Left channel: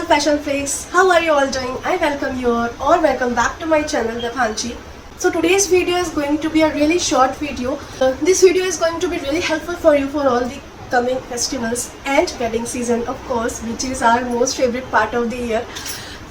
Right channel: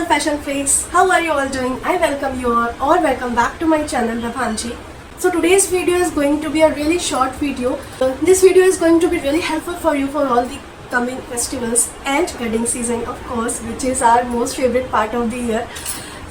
all fashion freaks, how are you all doing? I welcome you all or welcome back to my channel Vibhanshi. So today's video is going to be a really short video. This video is going to be really helpful for you for all the coming festivals and wedding season, of course, which is our most favorite part of the year.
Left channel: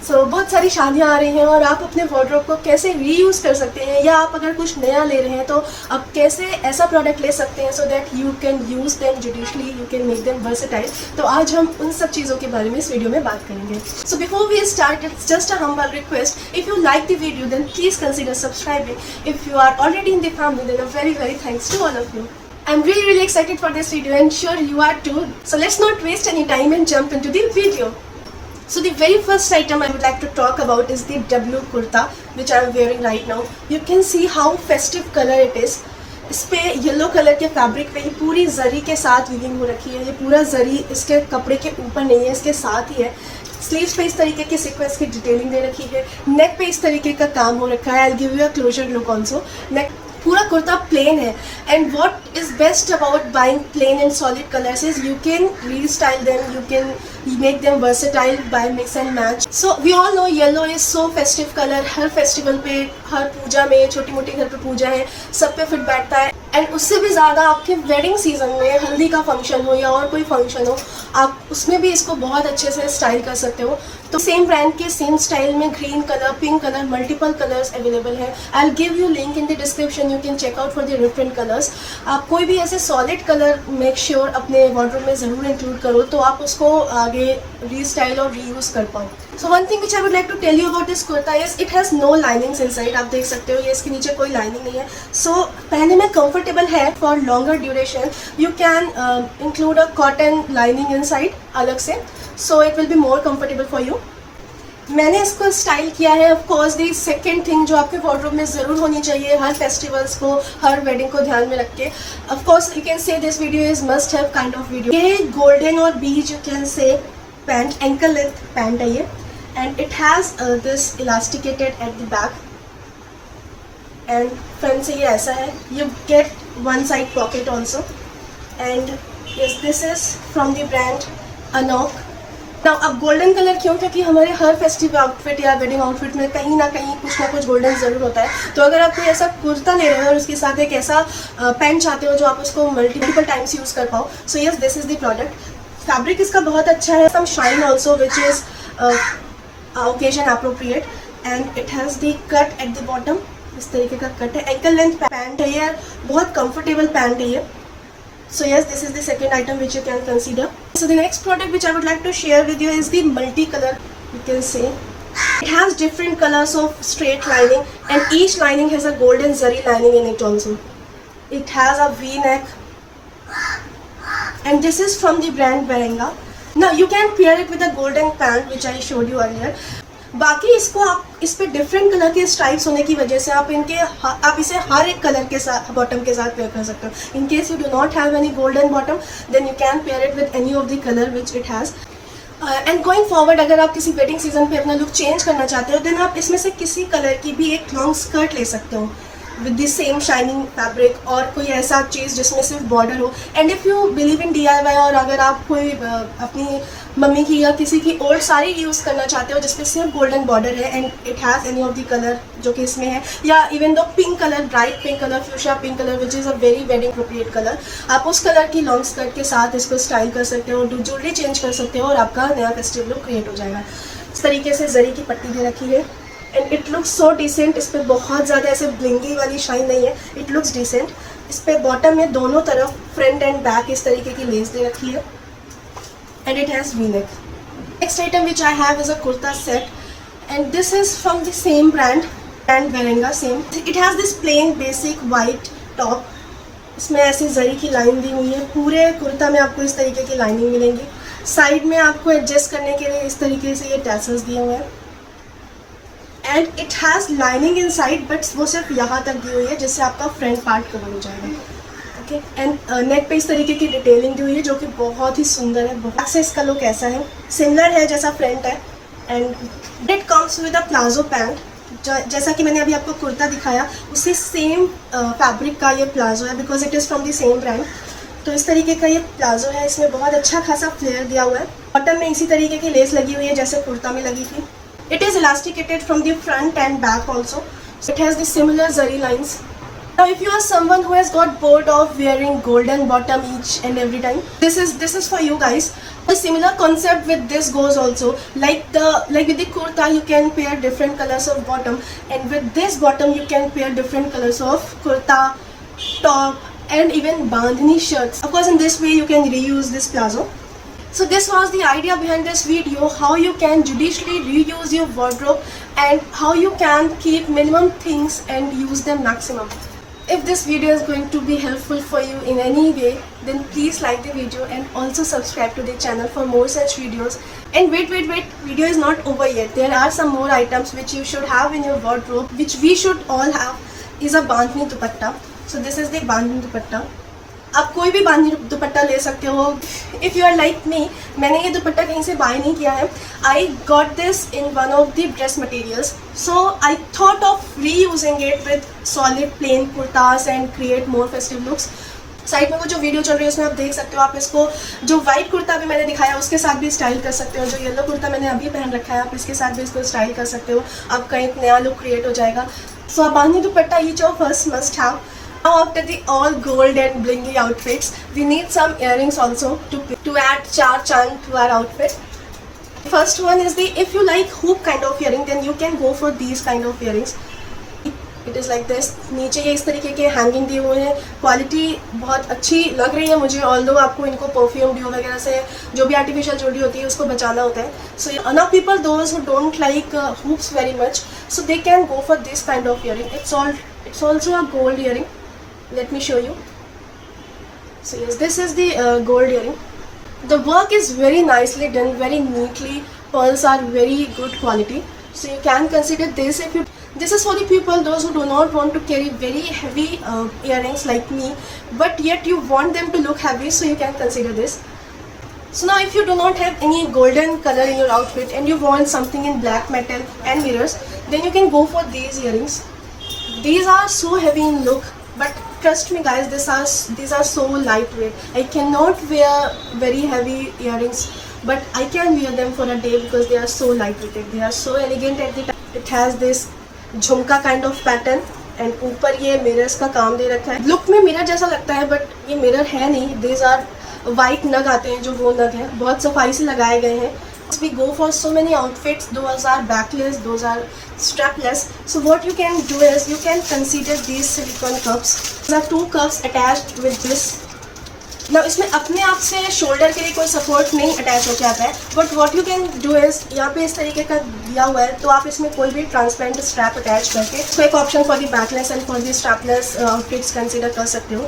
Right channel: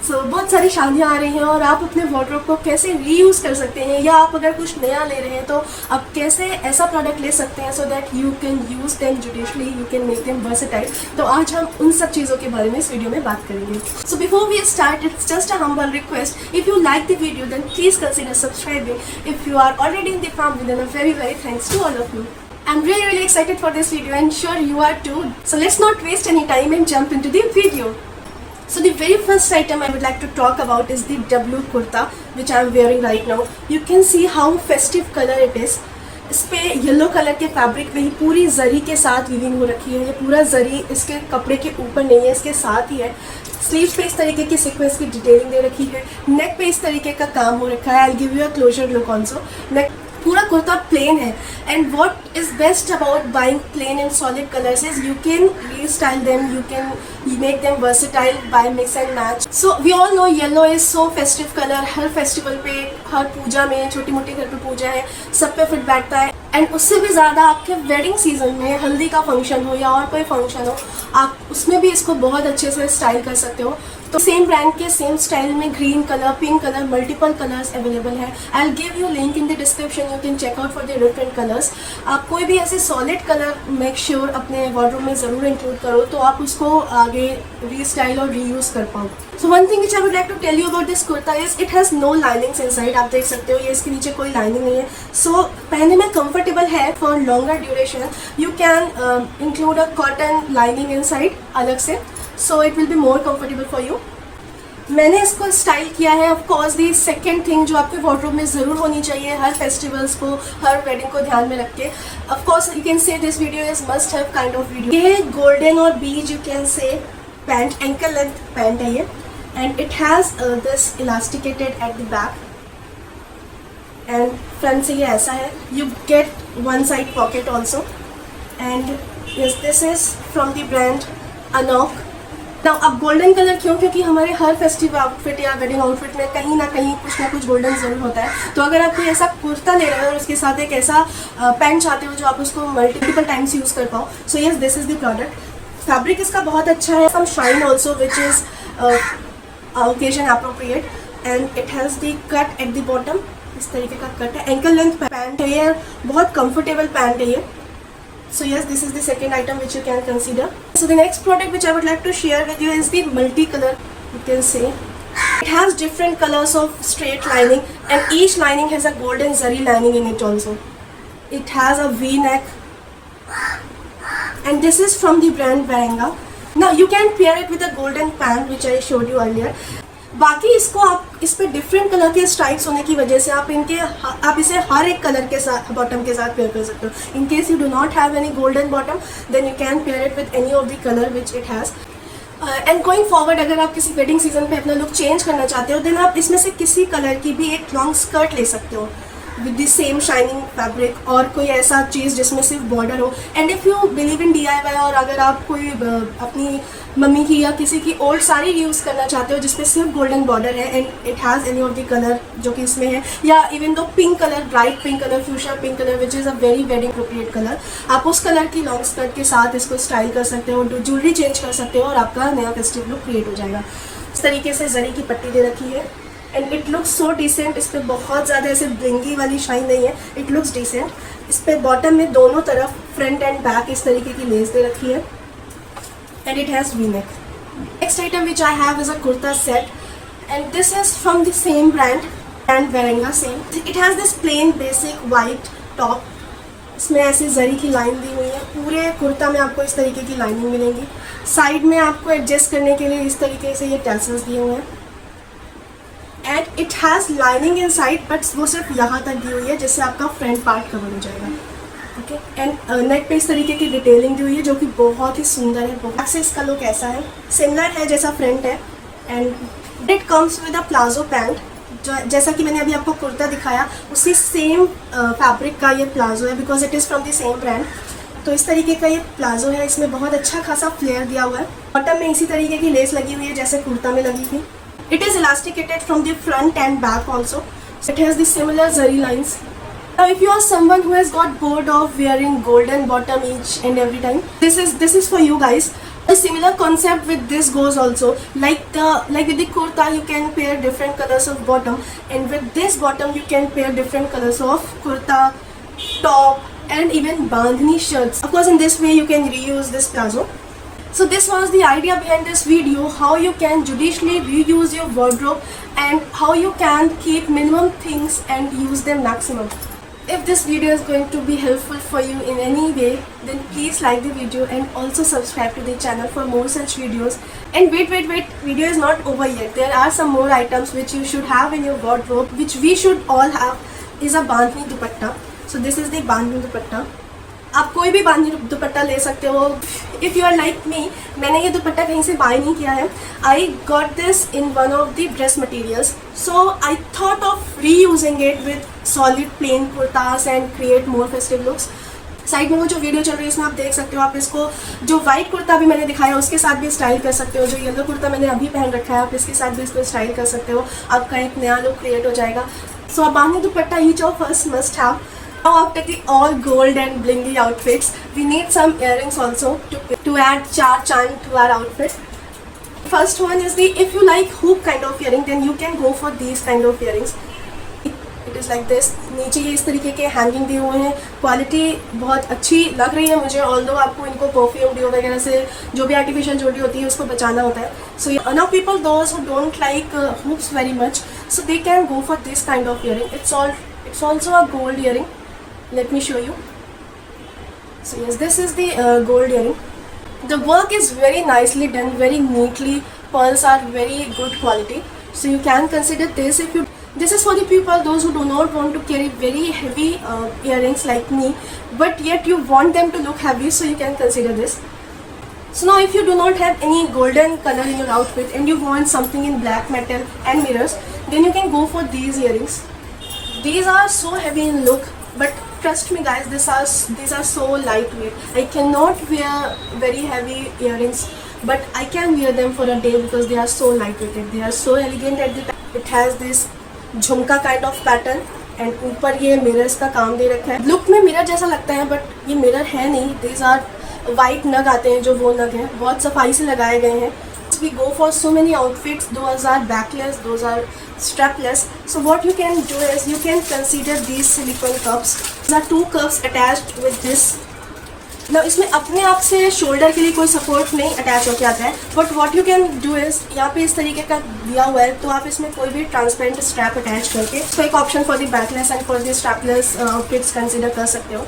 So बहुत सारी शादियाँ आ रही हैं और आप अपने wardrobe को कैसे रीयूज़ कर सकते हैं, या आप अगर कुछ नया ले रहे हैं तो आप कैसे ऐसा प्रोडक्ट ले सकते हैं so that you can use them judicially, you can make them versatile. तो आज हम उन सब चीज़ों के बारे में इस वीडियो में बात करेंगे. So before we start, it's just a humble request, if you like the video then please consider subscribing. If you are already in the family then a very thanks to all of you. I'm really excited for this video and sure you are too. So let's not waste any time and jump into the video. So the very first item I would like to talk about is the W kurta which I am wearing right now. You can see how festive color it is. इस पे yellow colour के fabric पे ये पूरी जरी के साथ weaving हो रखी है. ये पूरा जरी इसके कपड़े के ऊपर नहीं है, इसके साथ ही है. स्लीव्स पे इस तरीके के सीक्वेंस की डिटेलिंग दे रखी है. नेक पे इस तरीके का काम हो रखा है. I give you a closer look also. Neck पूरा कुर्ता प्लेन है. And what is best about buying plain and solid colours is you can restyle them, you can make them versatile by mix and match. So we all know yellow is so festive colour. हर festival पे, हर पूजा में, छोटी मोटी घर पे पूजा है, सब पे फिट बैठता है. एंड उससे भी ज़्यादा आपके वेडिंग सीजन में हल्दी का फंक्शन हो या और कोई फंक्शन हो, आप उसमें भी इसको बहुत अच्छे से स्टाइल कर सकते हो. तो सेम ब्रांड के सेम स्टाइल में green colour, pink colour, multiple colours available है. I will give you link in the description, you can check out for the different colours. आप कोई भी ऐसे सॉलिड कलर मेक श्योर अपने wardrobe में ज़रूर इंक्लूड करो तो आप उसको आगे रीस्टाइल और रीयूज़ कर पाओ. So one thing which I would like to tell you about this kurta is it has no linings inside. आप देख सकते हो ये इसके नीचे कोई लाइनिंग नहीं है. सो पहले में कंफर्टेबल है for longer duration. You can include a cotton lining inside अलग से, so it will be more comfortable for you. मैंने इसको स्टाइल किया है. Of course the second thing जो आपके वार्डरोब में ज़रूर होनी चाहिए हर फेस्टिवल्स को, हर वेडिंग को ध्यान में रख के, of course you can say this video is must have kind of video. ये गोल्डन और बीज you can say pant, ankle length pant है ये. And it has this elasticated at the back and front से ये ऐसा है. You get one side pocket also. And yes, this is from the brand Anouk. ना अब golden colour क्यों? क्योंकि हमारे हर फेस्टिव आउटफिट या वेडिंग आउटफिट में कहीं ना कुछ गोल्डन ज़रूर होता है. तो अगर आप कोई ऐसा कुर्ता ले रहे हो और उसके साथ एक ऐसा पैंट चाहते हो जो आप उसको मल्टीपल टाइम्स यूज़ कर पाओ, so yes this is the product. Fabric इसका बहुत अच्छा है. Some shine also which is occasion appropriate. And it has the cut at the bottom. इस तरीके का कट है. एंकल लेंथ पैंट है ये, बहुत कंफर्टेबल पैंट है ये. So yes, this is the second item which you can consider. So the next product which I would like to share with you is the multicolor. You can say it has different colors of straight lining and each lining has a golden zari lining in it also. It has a V-neck and this is from the brand Varenga. Now you can pair it with a golden pant which I showed you earlier. बाकी इसको आप इस पे different colour के stripes होने की वजह से आप इसे हर एक कलर के साथ बॉटम के साथ पेयर कर सकते हो. In case you do not have any golden bottom then you can pair it with any of the colour which it has. And going forward अगर आप किसी वेडिंग सीजन पे अपना लुक चेंज करना चाहते हो देन आप इसमें से किसी कलर की भी एक लॉन्ग स्कर्ट ले सकते हो with the same shining fabric और कोई ऐसा चीज़ जिसमें सिर्फ बॉर्डर हो. And if you believe in DIY और अगर आप कोई अपनी मम्मी की या किसी की ओल्ड साड़ी यूज़ करना चाहते हो जिसपे सिर्फ गोल्डन बॉर्डर है and it has any of the colour जो कि इसमें है, या even though pink colour, bright pink colour, fuchsia pink colour which is a very wedding appropriate colour, आप उस कलर की लॉन्ग स्कर्ट के साथ इसको स्टाइल कर सकते हो, ज्वेलरी चेंज कर सकते हो और आपका नया फेस्टिव लुक क्रिएट हो जाएगा. इस तरीके से जरी की पट्टी दे रखी है and it looks so decent. इस पर बहुत ज़्यादा ऐसे ब्लिंगी वाली शाइन नहीं है. It looks decent. इस पर बॉटम में दोनों तरफ फ्रंट एंड बैक इस तरीके की लेस दे रखी है and it has V-neck. Next item which I have is a kurta set and this is from the same brand and Varenga same. It has this plain basic white top. इसमें ऐसे जरी की line दी हुई है. पूरे कुर्ता में आपको इस तरीके की लाइनिंग मिलेंगी. साइड में आपको एडजस्ट करने के लिए इस तरीके से ये टैसल्स दिए हुए हैं and it has lining in side but वो सिर्फ यहाँ तक दी हुई है जिससे आपका फ्रंट पार्ट कवर हो जाएगा. ओके. एंड नेक पे इस तरीके की डिटेलिंग दी हुई है जो कि बहुत ही सुंदर है. बैक से इसका लुक ऐसा है, सिमिलर है जैसा फ्रंट है. And it comes with a palazzo pant. जैसा कि मैंने अभी आपको कुर्ता दिखाया उसी सेम फैब्रिक का ये प्लाजो है because it is from the same brand. तो इस तरीके का ये प्लाजो है, इसमें बहुत अच्छा खासा फ्लेयर दिया हुआ है। बॉटम में इसी तरीके की लेस लगी हुई है जैसे कुर्ता में लगी थी। It is elasticated from the front and back also. So it has the similar zari lines. Now if you are someone who has got bored of wearing golden bottom each and every time, this is for you guys. A similar concept with this goes also. Like with the kurta you can pair different colors of bottom, and with this bottom you can pair different colors of kurta, top and even bandhani shirts. Of course in this way you can reuse this plazo. So this was the idea behind this video, how you can judiciously reuse your wardrobe and how you can keep minimum things and use them maximum. If this video is going to be helpful for you in any way, then please like the video and also subscribe to the channel for more such videos. And wait, video is not over yet. There are some more items which you should have in your wardrobe, which we should all have, is a bandhani dupatta. So this is the bandhani dupatta. आप कोई भी बांधनी दुपट्टा ले सकते हो। If you are like me, मैंने ये दुपट्टा कहीं से बाय नहीं किया है। I got this in one of the dress materials, so I thought of reusing it with solid plain kurtas and create more festive looks. Side में वो जो वीडियो चल रही है उसमें आप देख सकते हो। आप इसको जो वाइट कुर्ता भी मैंने दिखाया उसके साथ भी स्टाइल कर सकते हो। जो येलो कुर्ता मैंने अभी पहन रखा है आप इसके साथ भी इसको स्टाइल कर सकते हो। आपका एक नया लुक क्रिएट हो जाएगा। सो आप bandhani dupatta each of us must have. Now after the all gold and blingy outfits, we need some earrings also to add char chand to our outfit. First one is the, if you like hoop kind of earring, then you can go for these kind of earrings. It is like this. नीचे ये इस तरीके के hanging दिए हुए हैं। Quality बहुत अच्छी लग रही है मुझे, ऑल्दो आपको इनको परफ्यूम डिओ वगैरह से जो भी आर्टिफिशियल ज्वेलरी होती है उसको बचाना होता है। So now people those who don't like hoops very much, so they can go for this kind of earring. It's also a gold earring. Let me show you. So yes, this is the gold earring. The work is very nicely done, very neatly. Pearls are very good quality, so you can consider this. If you, this is for the people those who do not want to carry very heavy earrings like me, but yet you want them to look heavy, so you can consider this. So now if you do not have any golden color in your outfit and you want something in black metal and mirrors, then you can go for these earrings. These are so heavy in look, but trust me guys, these are so lightweight. I cannot wear very heavy earrings, but I can wear them for a day because they are so lightweighted. They are so elegant at the time. It has this झुमका kind of pattern and ऊपर ये mirrors का काम दे रखा है। Look में mirror जैसा लगता है बट ये मिरर है नहीं। These are वाइट नग आते हैं जो वो नग हैं, बहुत सफाई से लगाए गए हैं। We go for so many outfits, those are backless, those are strapless. So what you can do is you can consider these silicone cups. There are 2 cups attached with this. Now इसमें अपने आप से shoulder के लिए कोई support नहीं attach होके आता है, but what you can do is यहाँ पे इस तरीके का दिया हुआ है, तो आप इसमें कोई भी ट्रांसपेरेंट स्ट्रैप अटैच करके तो एक option for the backless and for the strapless outfits consider कर सकते हो।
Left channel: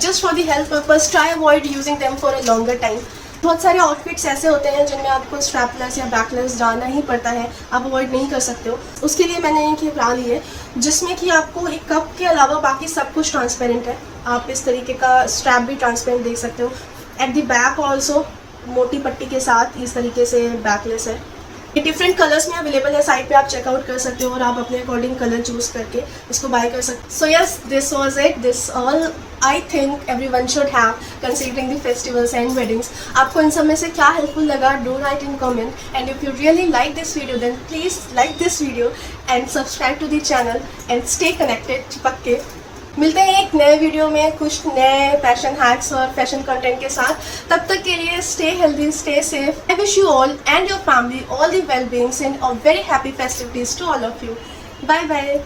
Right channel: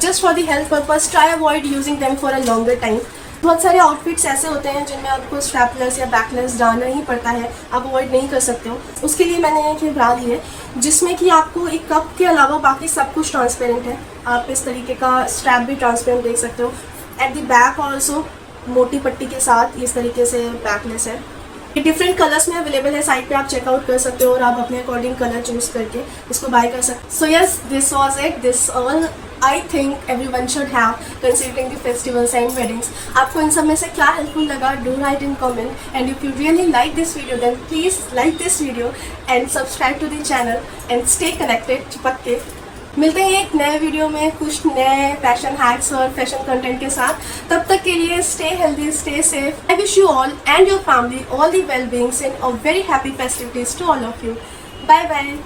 Just for the health purpose try avoid using them for a longer time. बहुत सारे आउटफिट्स ऐसे होते हैं जिनमें आपको स्ट्रैपलेस या बैकलेस डालना ही पड़ता है, आप अवॉइड नहीं कर सकते हो। उसके लिए मैंने एक निकाल ली है जिसमें कि आपको एक कप के अलावा बाकी सब कुछ ट्रांसपेरेंट है। आप इस तरीके का स्ट्रैप भी ट्रांसपेरेंट देख सकते हो। एट द बैक ऑल्सो मोटी पट्टी के साथ इस तरीके से बैकलेस है। ये डिफरेंट कलर्स में अवेलेबल है, साइट पे आप चेकआउट कर सकते हो और आप अपने अकॉर्डिंग कलर चूज करके इसको बाय कर सकते हो। सो yes, this was it, this all I think everyone should have considering the festivals and weddings. आपको इन सब में से क्या हेल्पफुल लगा, do write in comment, and if you really like this video then please like this video and subscribe to the channel and stay connected. चिपक के मिलते हैं एक नए वीडियो में कुछ नए फैशन हैक्स और फैशन कंटेंट के साथ। तब तक के लिए stay healthy, stay safe. I wish you all and your family all the well-beings and a very happy festivities to all of you. Bye bye.